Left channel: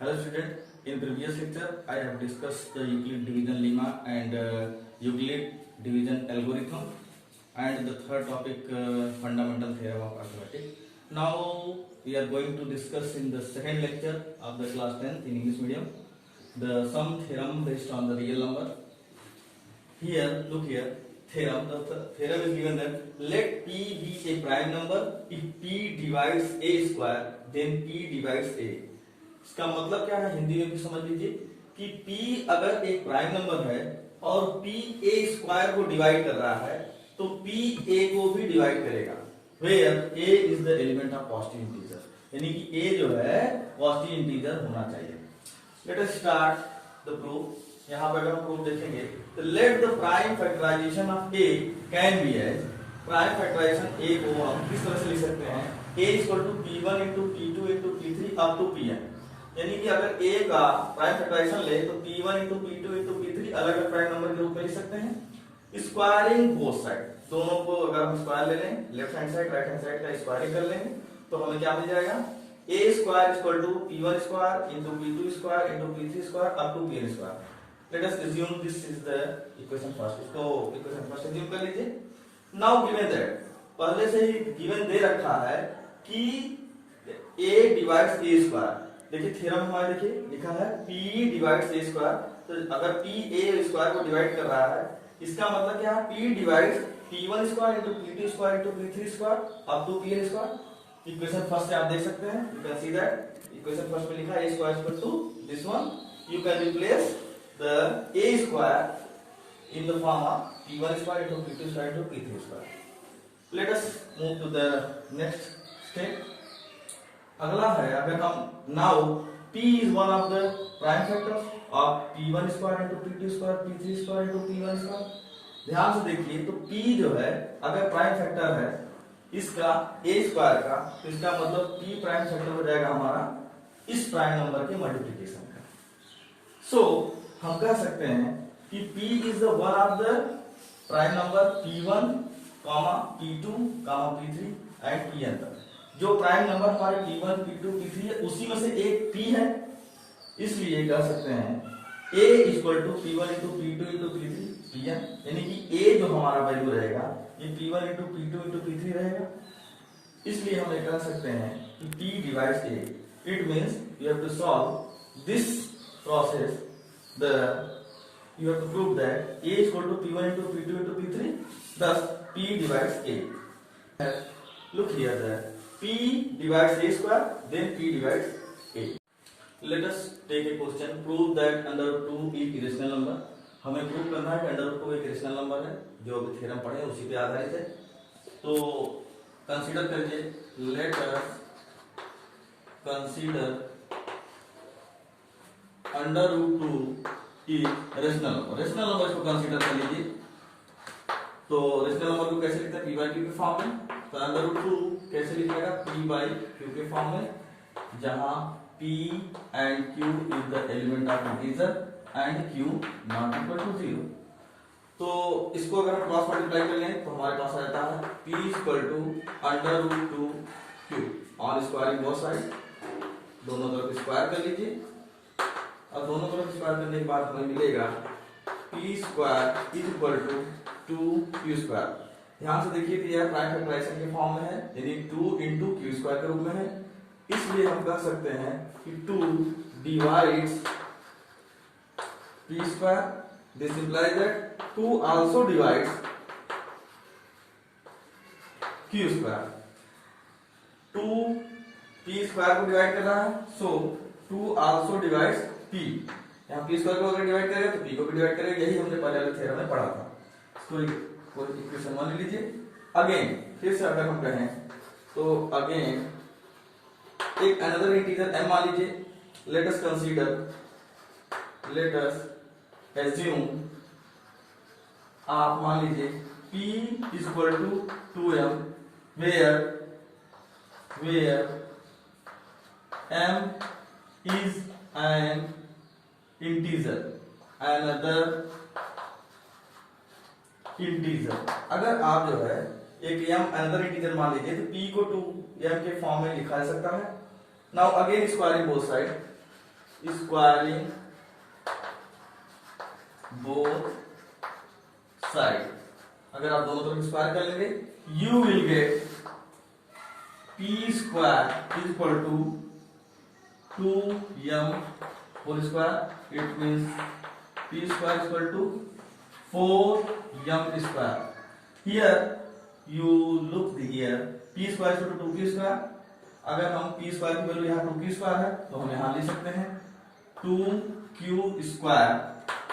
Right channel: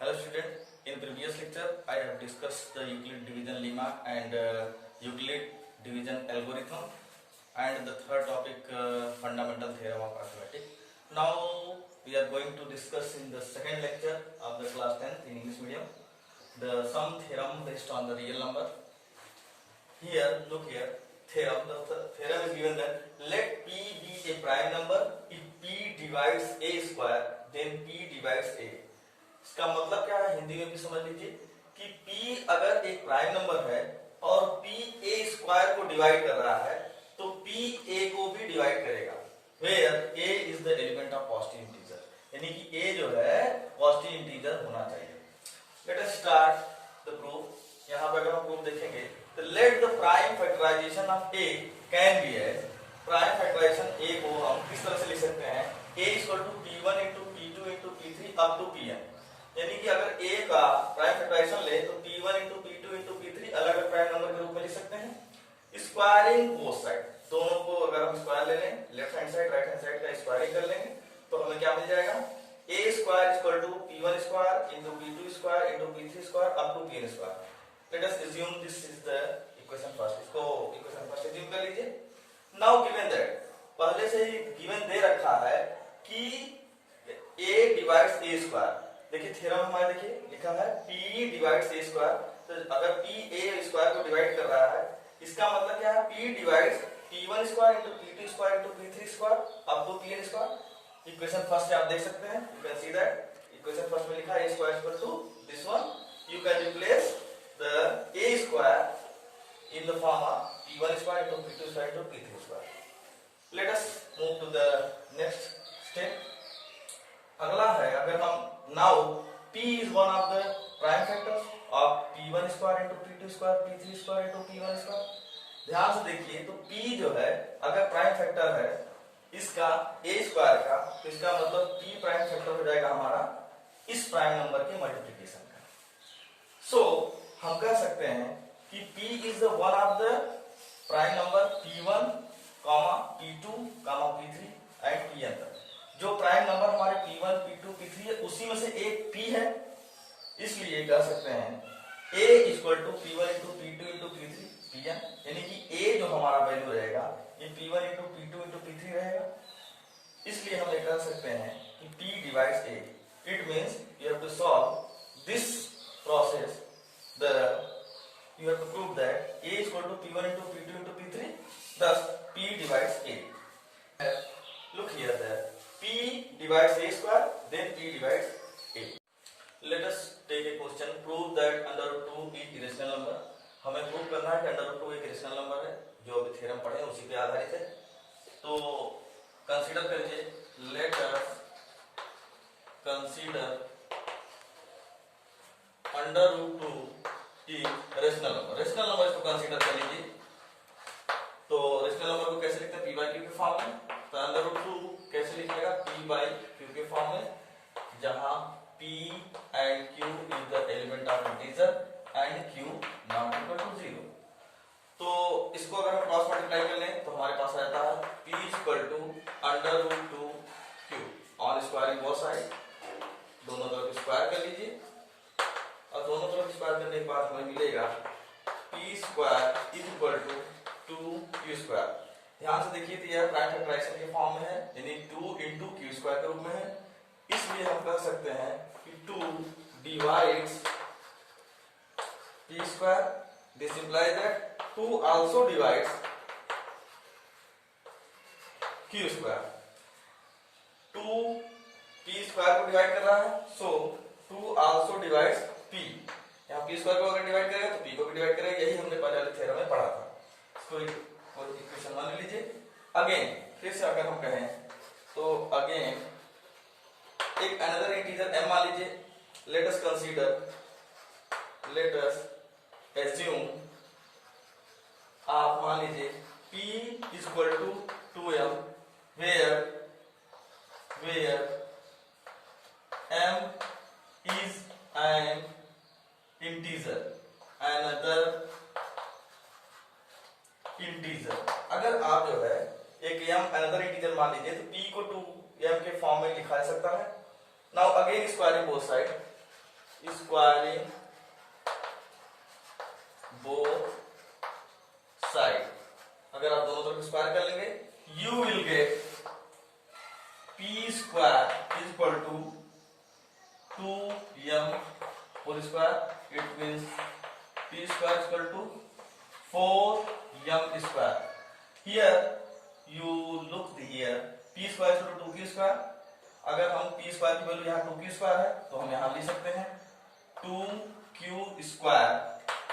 Hello student, in previous lecture I have discussed the Euclid division lemma and Euclid division algorithm and the third topic fundamental theorem of arithmetic. Now we are going to discuss in the second lecture of the class 10th in English medium the sum theorem based on the real number. Here, look here, theorem. The theorem is given that let P be a prime number if P divides A square, then P divides A. इसका मतलब क्या है हिंदी में भी समझ लीजिए कि P अगर एक प्राइम नंबर है और P A स्क्वायर को डिवाइड कर रहा है तो P A को भी डिवाइड करेगा where A is the element of positive integer, यानी कि A जो है पॉजिटिव इंटीजर होना चाहिए. Let us start the proof. यहाँ पे अगर हम प्रूफ देखेंगे तो let the prime factorization of A can be as prime factorisation A को हम किस तरह से लिख सकते हैं A equal to P1 into P2 into P3 up to Pn, यानी कि अगर A का प्राइम फैक्टराइजेशन ले तो P1 into P2 into P3 अलग अलग प्राइम नंबर के रूप में लिख सकते हैं. स्क्वायरिंग बोथ साइड, दोनों को अगर हम स्क्वायर ले लें, left hand side right hand side का स्क्वायरिंग कर लेंगे तो हमें क्या मिल जाएगा A square equal to P1 square into P2 square into P3 square up to Pn square. Let us assume this is the equation first. इसको equation first assume कर लीजिए. नाउ गिवन दैट, पहले से ही गिवन दे रखा है कि A divides A square. देखिए theorem हमारा देखिए लिखा है P डिवाइड्स A स्क्वायर, तो अगर P A स्क्वायर को डिवाइड कर रहा है इसका मतलब क्या है P divides P1 square into P2 square into P3 square up to Pn square. Equation first से आप देख सकते हैं, you can see that equation first में लिखा है A square equal to this one. You can replace the A square in the form of P1 square into P2 square into P3 square. Let us move to the next step. अगला है अगर हम now P is one of the prime factors of P1 square into P2 square P3 square into P1 square. ध्यान से देखिए तो P जो है अगर प्राइम फैक्टर है इसका A स्क्वायर का, तो इसका मतलब P प्राइम फैक्टर हो जाएगा हमारा इस प्राइम नंबर के मल्टीप्लिकेशन का. सो हम कह सकते हैं कि P is the one of the prime number P1, P2, P3 and Pn तक. जो प्राइम नंबर हमारे P1, P2, P3 है उसी में से एक P है, इसलिए कह सकते हैं A equal to P1 into P2 into P3 Pn, यानी कि A जो हमारा वैल्यू रहेगा ये P1 into P2 into P3 रहेगा. इसलिए हम ये कह सकते हैं कि P divides A. It means you have to solve this process. You have to prove that A is equal to P1 into P2 into P3, thus P divides A. Look here, that P divides A square, then P divides A. Let us take a question. Prove that under root 2 is irrational number. हमें prove करना है कि under root 2 एक irrational number है, जो अभी theorem पढ़े उसी पे आधारित है. तो कंसीडर करिए, let us consider under root 2 rational number. Rational number इसको कंसीडर कर लीजिए. तो रेशनल नंबर को कैसे लिखते हैं P बाई Q के फॉर्म में. तो अंडर रूट 2 कैसे लिखा जाएगा P बाई Q के फॉर्म में, जहां P and Q is the element of integer and Q not equal to 0. तो इसको अगर हम क्रॉस मल्टीप्लाई कर लें तो हमारे पास रहता है P equal to under root 2 Q on squaring both side. दोनों तरफ स्क्वायर कर लीजिए और दोनों तरफ स्क्वायर करने के बाद हमें मिलेगा P square is equal to 2Q square. ध्यान से देखिए कि यह प्राइम फैक्टराइजेशन के फॉर्म में है, यानी 2 इंटू Q स्क्वायर के रूप में है. इसलिए हम कह सकते हैं कि 2 divides P square. This implies that 2 also divides Q square. 2 P square को डिवाइड कर रहा है, सो 2 आल्सो डिवाइड्स P. यहाँ P स्क्वायर को अगर डिवाइड करेगा तो P को भी डिवाइड करेगा. यही हमने पहले वाले थ्योरम में पढ़ा था. इसको इक्वेशन मान लीजिए. अगेन फिर से अगर हम कहें तो अगेन एक अनदर इंटीजर m मान लीजिए. Let us consider, let us assume, आप मान लीजिए P equal to 2m where m is an integer, another integer. अगर आप जो है एक m another integer मान लीजिए तो P को 2m के फॉर्म में लिखा जा सकता है. Now again squaring both side, squaring both side, अगर आप दोनों तरफ स्क्वायर कर लेंगे you will get P square is equal to 2m whole square, it means p square is equal to 4m square. Here you look here, p square is equal to 2q square. अगर हम p square की value यहाँ 2q square है तो हम यहाँ लिख सकते हैं 2q square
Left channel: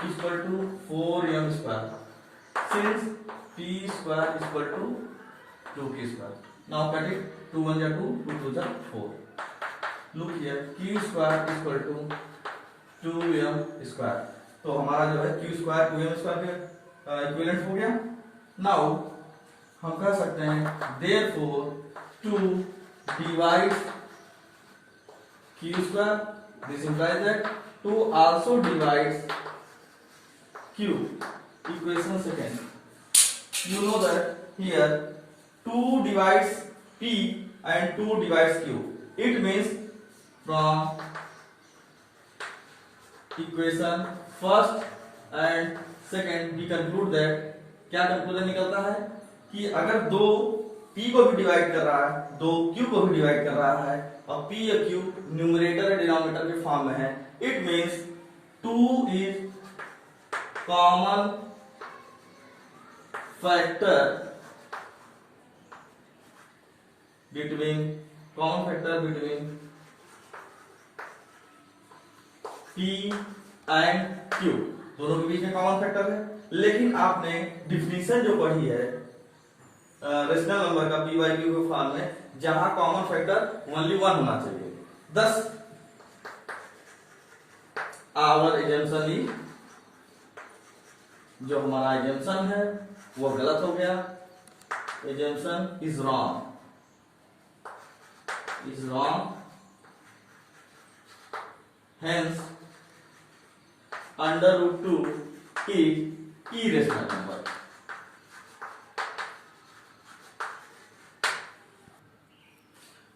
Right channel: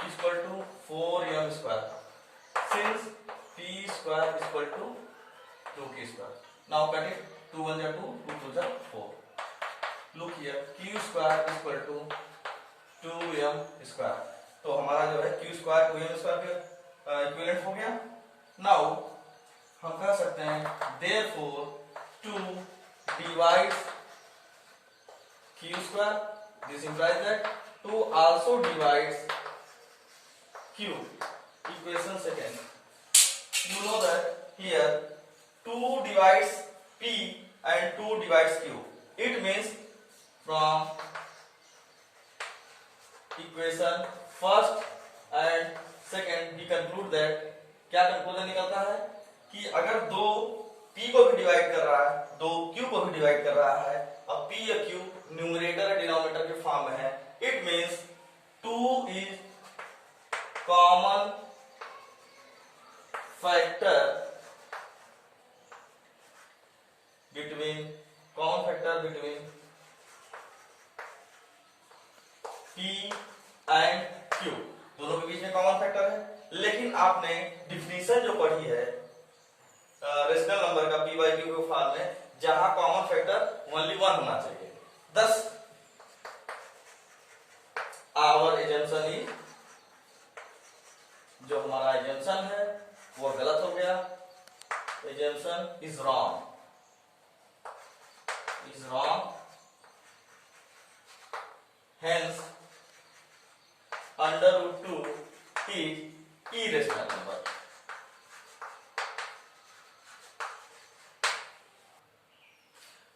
is equal to 4m square. Since p square is equal to 2q square. Now cut it. 2 1 जा 2, 2 2 जा 4. Look here, q square is equal to 2m square. तो हमारा जो है q स्क्वायर 2m स्क्वायर के equivalent हो गया. Now हम कह सकते हैं therefore 2 divides q square. This implies that 2 also divides q. Equation second. You know that here 2 divides p and 2 divides q. It means from equation first and second we conclude that, क्या conclusion निकलता है कि अगर दो p को भी divide कर रहा है, दो q को भी डिवाइड कर रहा है और p या q न्यूमरेटर या डिनोमिनेटर के फॉर्म में है, it means 2 is common factor between p and q, दोनों के बीच में कॉमन फैक्टर है. लेकिन आपने डिफिनीशन जो पढ़ी है रेशनल नंबर का p बाई q के फॉर्म में, जहां कॉमन फैक्टर ओनली 1 होना चाहिए. thus आवर एजम्पशन इज, जो हमारा एजम्पशन है वो गलत हो गया. Assumption is wrong, hence under root 2 is irrational number.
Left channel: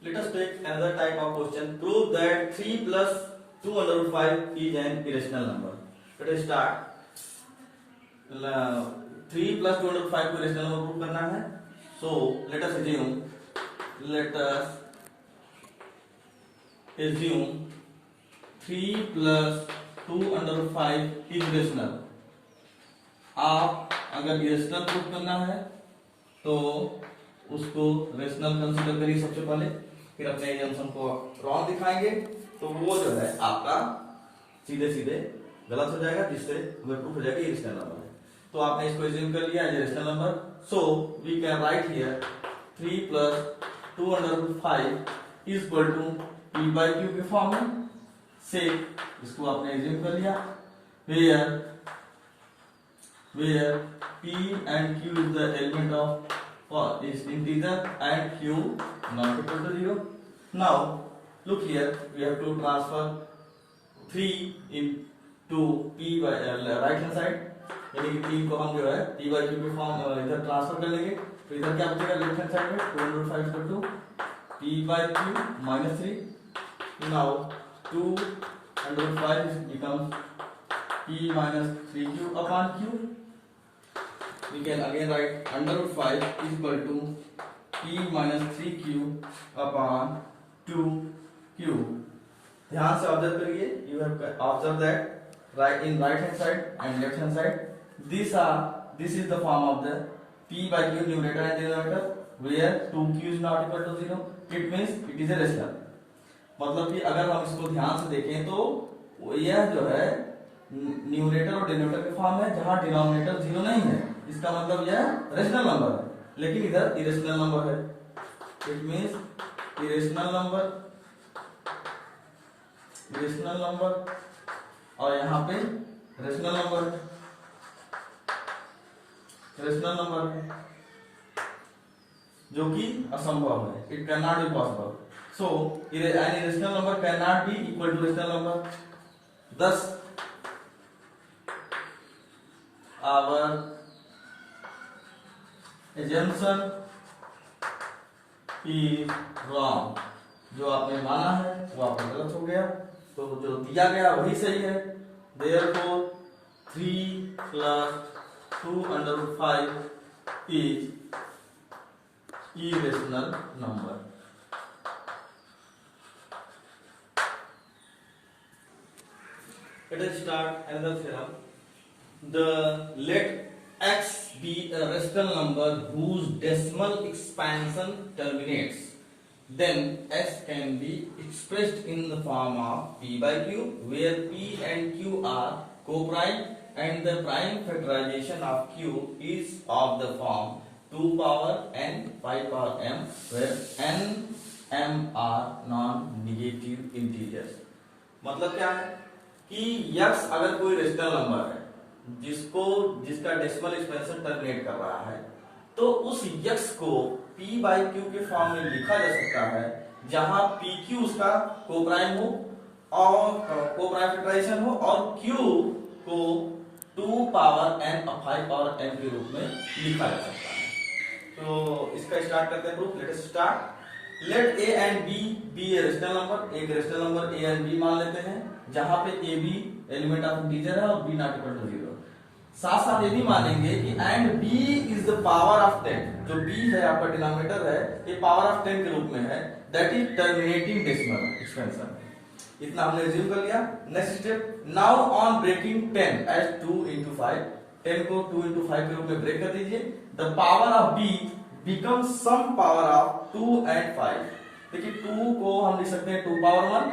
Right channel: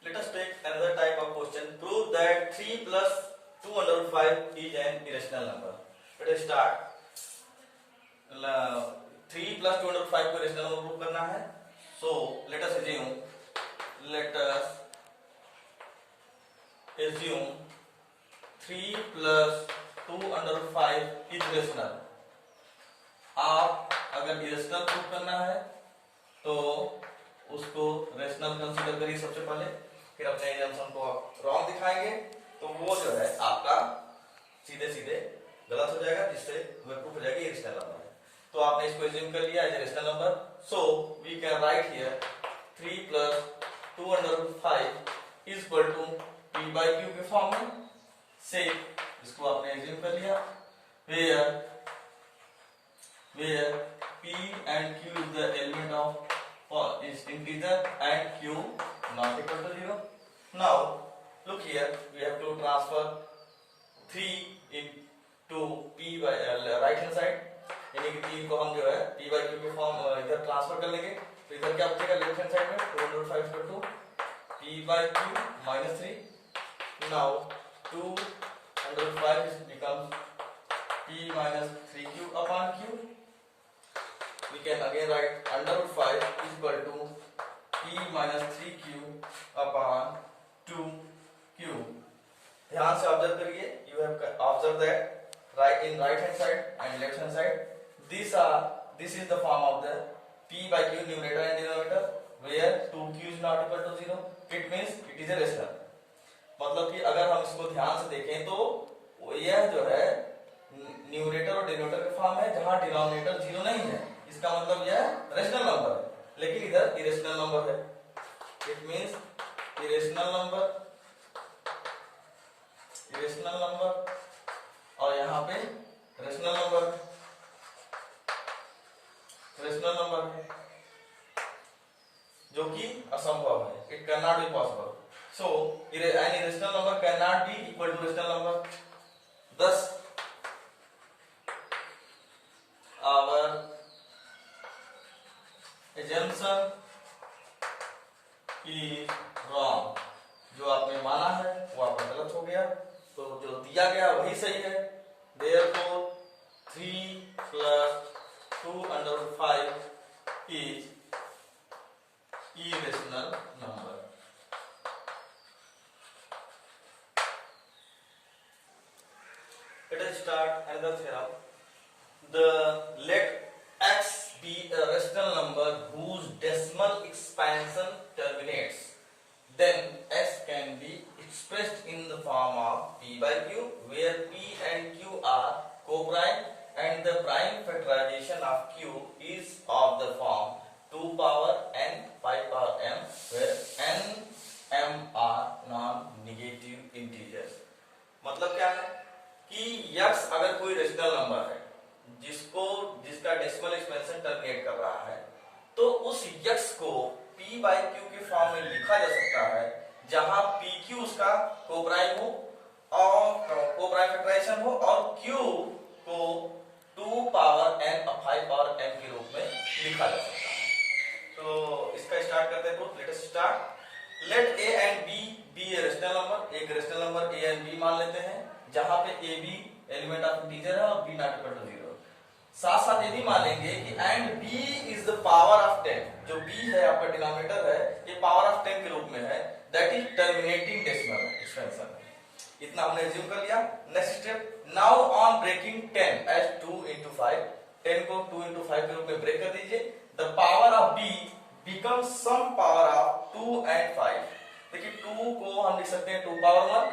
Let us take another type of question. Prove that 3 plus 2 under root 5 is an irrational number. Let us start. 3 plus 2 under root 5 को irrational number prove करना है. So let us assume 3 plus 2 under root 5 is irrational. आप अगर irrational proof करना है तो उसको rational consider करिए सबसे पहले, फिर अपने एजम्पशन को रॉन्ग दिखाएंगे तो वो जो है आपका सीधे सीधे गलत हो जाएगा, जिससे हमें प्रूफ हो जाएगा इरेशनल नंबर है. तो आपने इसको एज्यूम कर लिया as rational number. So we can write here 3 plus 2 under root 5 is equal to p by q के फॉर्म में से इसको आपने एज्यूम कर लिया, where p and q is the element of is integer and q not equal to 0. Now look here, we have to transfer 3 into p by right hand side, यानी कि 3 को हम जो है p by q के form इधर transfer कर लेंगे. तो इधर क्या बचेगा लेफ्ट हैंड साइड में 2 under 5 equal to p by q minus 3. Now 2 under 5 becomes p minus 3q upon q. We can again write under root 5 is equal to p minus 3q upon 2q. ध्यान से observe करिए. You have observed that right in right hand side and left hand side this is the form of the p by q numerator and denominator, where 2q is not equal to 0. It means it is a rational. मतलब कि अगर हम इसको ध्यान से देखें तो यह जो है न्यूमरेटर और डिनोमिनेटर के फॉर्म है, जहां डिनोमिनेटर 0 नहीं है. इसका मतलब यह रेशनल नंबर है, लेकिन इधर इरेशनल नंबर है. इट मींस इरेशनल नंबर और यहाँ पे रेशनल नंबर है जो कि असंभव है. It can not be possible. So an irrational number cannot be equal to rational number. Thus our assumption is wrong. जो आपने माना है वो आपका गलत हो गया. तो जो दिया गया वही सही है। Therefore 3 plus 2/5 is irrational number. Let us start another theorem. Let x be a rational number whose decimal expansion terminates. Then x can be expressed in the form of p by q, where p and q are co-prime, and the prime factorization of q is of the form 2 power n 5 power m, where n m are non-negative integers. मतलब क्या है कि x अगर कोई rational number है जिसका decimal expansion terminate कर रहा है, तो उस x को p बाई q के फॉर्म में लिखा जा सकता है, जहां pq उसका कोप्राइम हो और कोप्राइम फैक्टराइजेशन हो और q को 2 पावर n और 5 पावर m के रूप में लिखा जा सकता है। तो इसका स्टार्ट करते हैं proof. Let us start. Let a and b b a rational number, एक rational number a and b मान लेते हैं, जहां पे a b element of integer है और b नॉट इक्वल टू 0। साथ साथ ये भी मानेंगे कि and b is the power of 10, जो b है आपका डिनोमिनेटर है, ये पावर ऑफ 10 के रूप में है, that is terminating decimal expansion. इतना हमने एज्यूम कर लिया। Next step, now on breaking 10 as 2 into 5, 10 को 2 into 5 के रूप में ब्रेक कर दीजिए, the power of b becomes some power of 2 and 5। देखिए 2 को हम लिख सकते हैं 2 पावर 1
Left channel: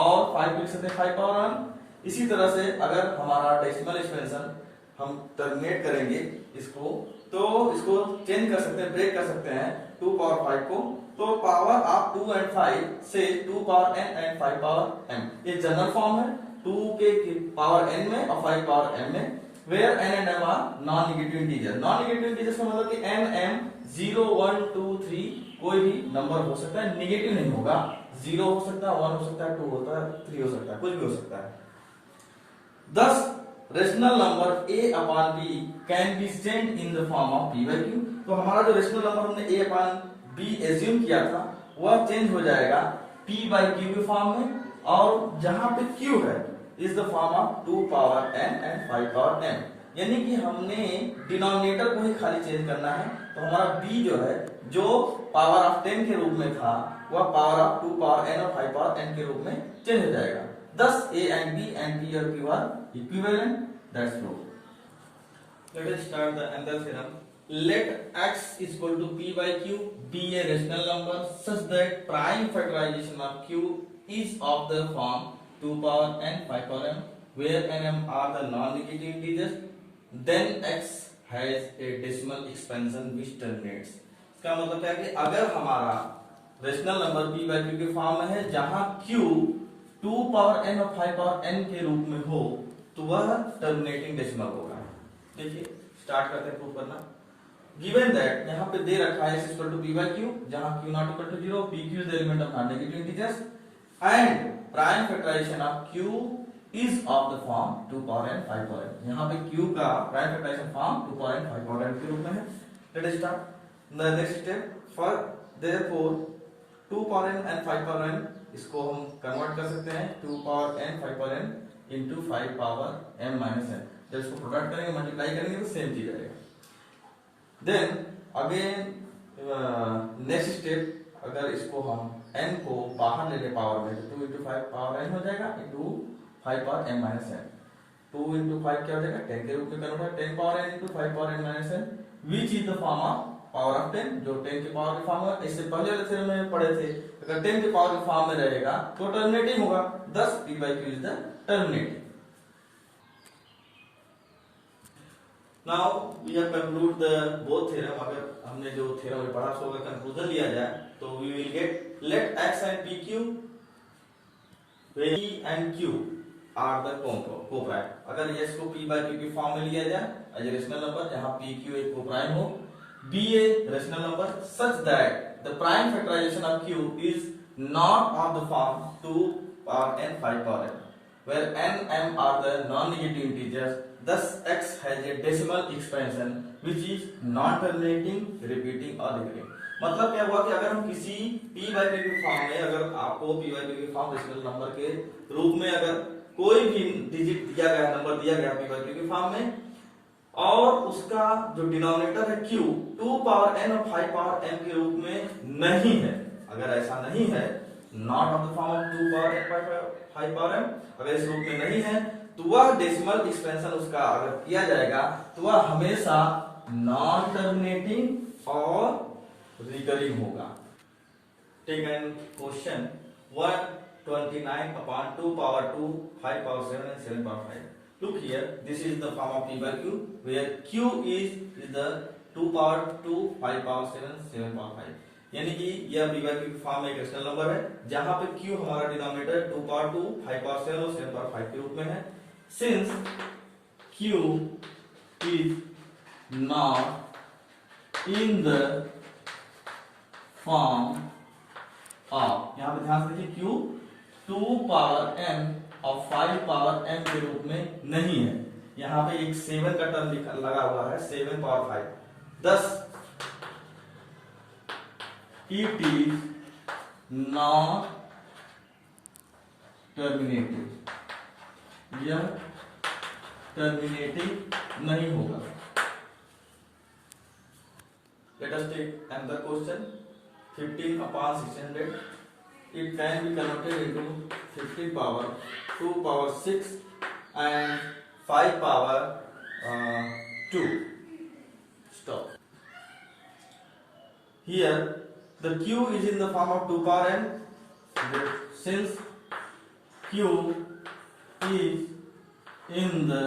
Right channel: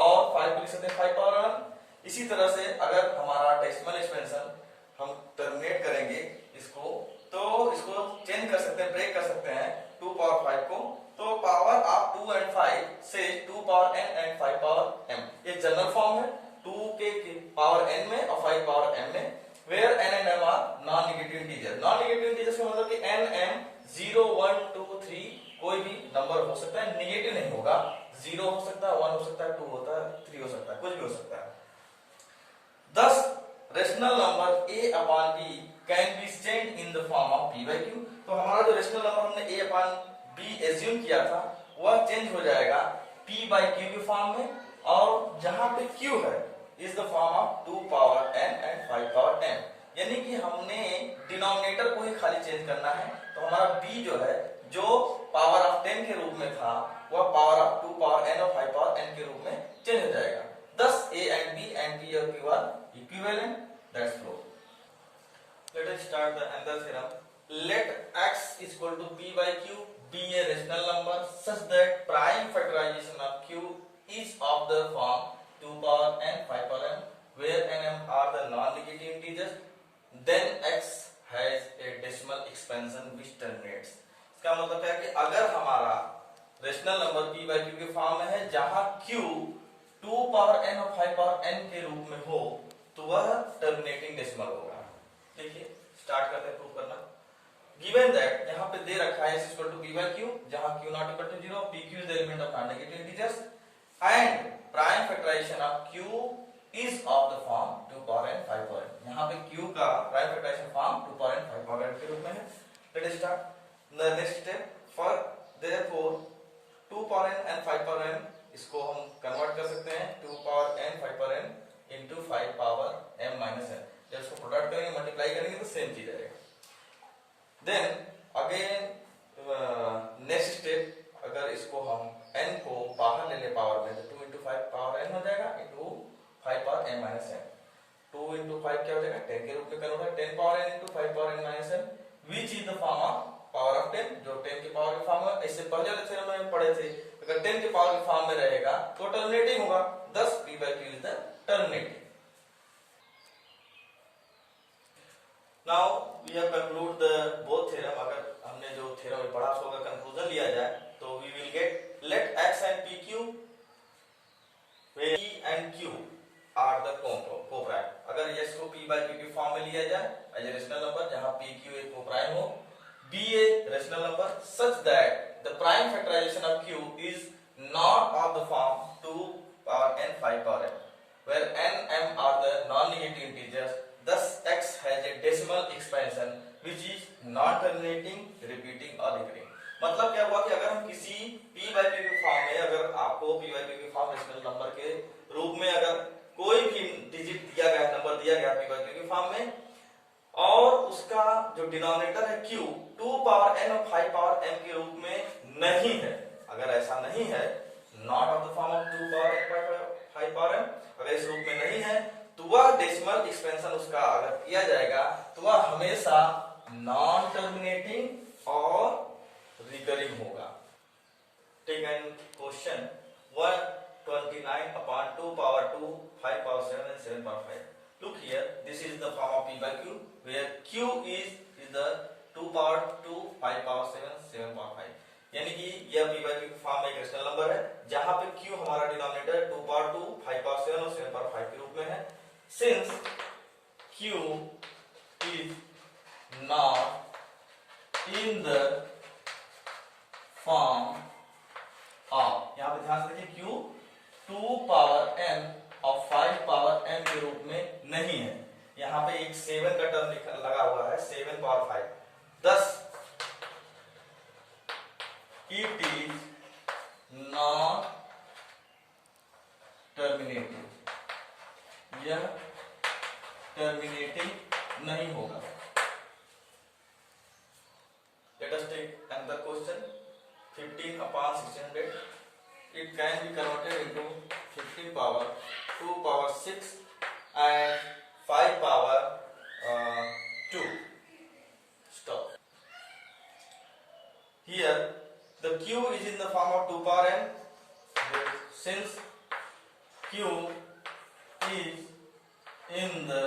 और 5 को लिख सकते हैं 5 पावर 1। इसी तरह से अगर हमारा डेसिमल एक्सपेंशन हम टर्मिनेट करेंगे इसको, तो इसको चेंज कर सकते हैं, ब्रेक कर सकते हैं 2 पावर 5 को, तो पावर ऑफ 2 and 5 से 2 power n and 5 power m, ये जनरल फॉर्म है 2 के पावर n में और 5 पावर m में, where n and m are non negative integer. Non negative integer का मतलब कि n m 0 1 2 3 कोई भी नंबर हो सकता है, नेगेटिव नहीं होगा, 0 हो सकता है, 1 हो सकता है, 2 होता है, 3 हो सकता है, कुछ भी हो सकता है। Thus rational number a upon b can be change in the form of p by q। तो हमारा जो रेशनल नंबर हमने a अपॉन b एज्यूम किया था वह चेंज हो जाएगा p by q के फॉर्म में, और जहां पे q है is the form of 2 power n and 5 power m, यानी कि हमने डिनोमिनेटर को ही खाली चेंज करना है। तो हमारा b जो है, जो पावर ऑफ 10 के रूप में था, वह पावर ऑफ 2 पावर n और 5 पावर n के रूप में चेंज हो जाएगा। Thus a and b and p और q are equivalent. That's proof. Let us start the another theorem. Let x is equal to p by q be a rational number such that prime factorization of q is of the form 2 power n 5 power m, where n m are the non-negative integers. Then x has a decimal expansion which terminates. इसका मतलब है कि अगर हमारा rational number p by q के form में है, जहां q 2 पावर n और 5 पावर n के रूप में हो, तो वह टर्मिनेटिंग डेसिमल होगा। देखिए स्टार्ट करते हैं प्रूव करना। गिवन दैट यहाँ पे दे रखा है x equal to p by q, जहां q not equal to 0, pq is the element of non negative integers, and prime factorization of q is of the form 2 power n 5 power n। यहाँ पे q का prime factorization form 2 power n 5 power n के रूप में है। Let us start the next step. For therefore 2 power n and 5 power n, इसको हम convert कर सकते हैं 2 power n 5 power n into 5 power m minus n। जब इसको प्रोडक्ट करेंगे, मल्टीप्लाई करेंगे तो सेम चीज आएगा। देन अगेन नेक्स्ट स्टेप, अगर इसको हम n को बाहर ले ले पावर में, तो 2 इंटू 5 पावर n हो जाएगा into 5 power m minus n। 2 into 5 क्या हो जाएगा, 10 के रूप में कन्वर्ट होगा, 10 power n into 5 power n minus n, which is the form of power of 10, जो 10 के पावर के फॉर्म में। इससे पहले वाले थ्योरम में पढ़े थे, अगर 10 के पावर के फॉर्म में रहेगा तो टर्मिनेटिंग होगा, thus p by q is the terminating. Now we have conclude the both theorem. अगर हमने जो थ्योरम पढ़ा उसका कंक्लूजन लिया जाए, तो we will get let x and pq where p and q are the co-prime। अगर x को p by q के फॉर्म में लिया जाए एज ए रेशनल नंबर, जहां pq एक को-प्राइम हो, be a rational number such that the prime factorization of q is not of the form 2 power n 5 power n, where n m are the non-negative integers. Thus x has a decimal expansion which is non-terminating, repeating or recurring। मतलब क्या हुआ कि अगर हम किसी p by Q के form में, अगर आपको p बाई क्यू के फॉर्म डेसिमल नंबर के रूप में अगर कोई भी डिजिट दिया गया, नंबर दिया गया p बाई क्यू के फॉर्म में, और उसका जो डिनोमिनेटर है q 2 पावर n और 5 पावर m के रूप में नहीं है, अगर ऐसा नहीं है, not of the form of 2 power n by 5 power m, अगर इस रूप में नहीं है, तो वह डेसिमल एक्सपेंशन उसका अगर किया जाएगा तो वह हमेशा नॉन टर्मिनेटिंग और रिकरिंग होगा। Take an question 129 upon 2 power 2, 5 power 7 and 7 power 5. Look here, this is the form of p by q, where q is the 2 power 2, 5 power 7, 7 power 5. यानी कि यह p by q की form एक rational number है, जहां पे q हमारा denominator 2 power 2, 5 power 7 और 7 power 5 के रूप में है। Since q is not in the form of, यहां पे ध्यान से देखिए, q 2 पावर m और 5 पावर m के रूप में नहीं है, यहां पे एक 7 का टर्म लगा हुआ है, 7 power 5, thus it is not terminating, यह टर्मिनेटिंग नहीं होगा। Let us take another question. 15 upon 1600. It can be converted into 15 power 2 power 6 and 5 power 2. Stop. Here the q is in the form of 2 power n. Since q is in the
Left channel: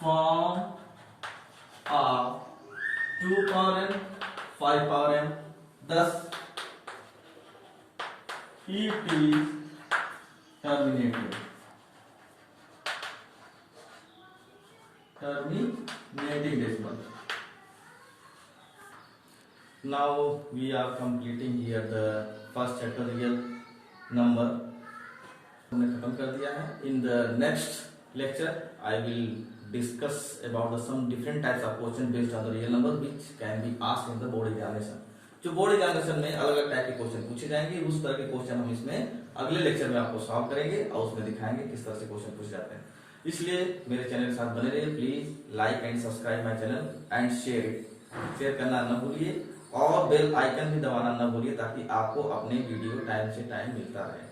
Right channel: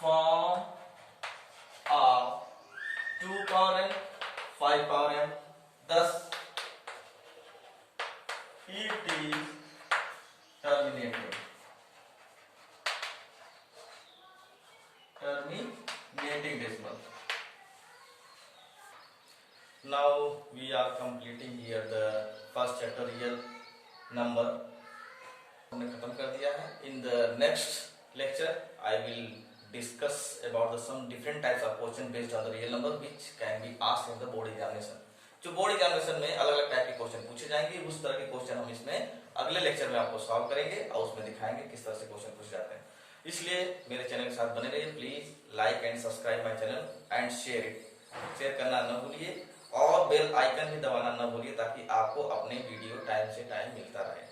form of 2 power n, 5 power m, thus it is terminated. Terminating decimal. Now we are completing here the first chapter, real number. हमने खत्म कर दिया है। In the next lecture, I will discuss about some different types of question based on the real number which can be asked in the board examination. जो board examination में अलग अलग type के क्वेश्चन पूछे जाएंगे, उस तरह के क्वेश्चन हम इसमें अगले लेक्चर में आपको सॉल्व करेंगे और उसमें दिखाएंगे किस तरह से क्वेश्चन पूछे जाते हैं। इसलिए मेरे चैनल के साथ बने रहिए, please like and subscribe my channel and share it. Share करना न भूलिए और बेल आइकन भी दबाना न भूलिए ताकि आपको अपने वीडियो टाइम से टाइम मिलता रहे।